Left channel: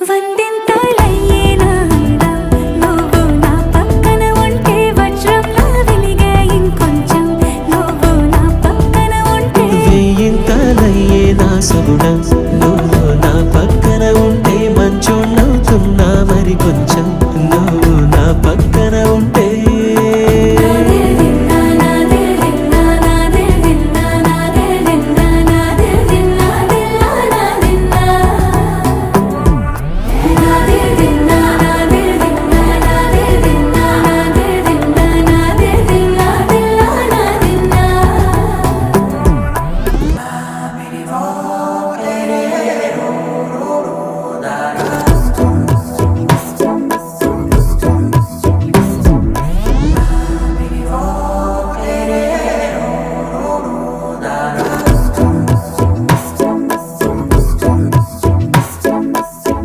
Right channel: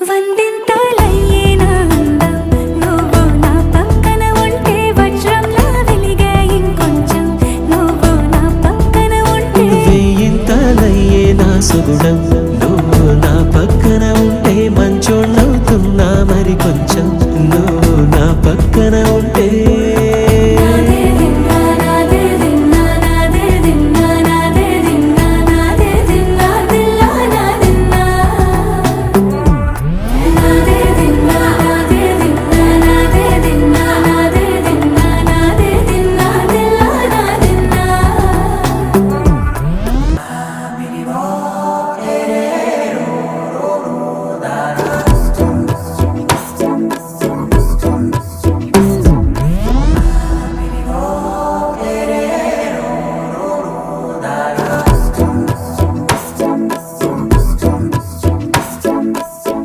వందింతలయ్యేనా అందం నువ్వు నా పక్కన ఉంటే వజ్రంలా వెలిగే ఇంకొంచెం నువ్వు నా పక్కన ఉంటే వేయింతలయ్యేనా సుగుణం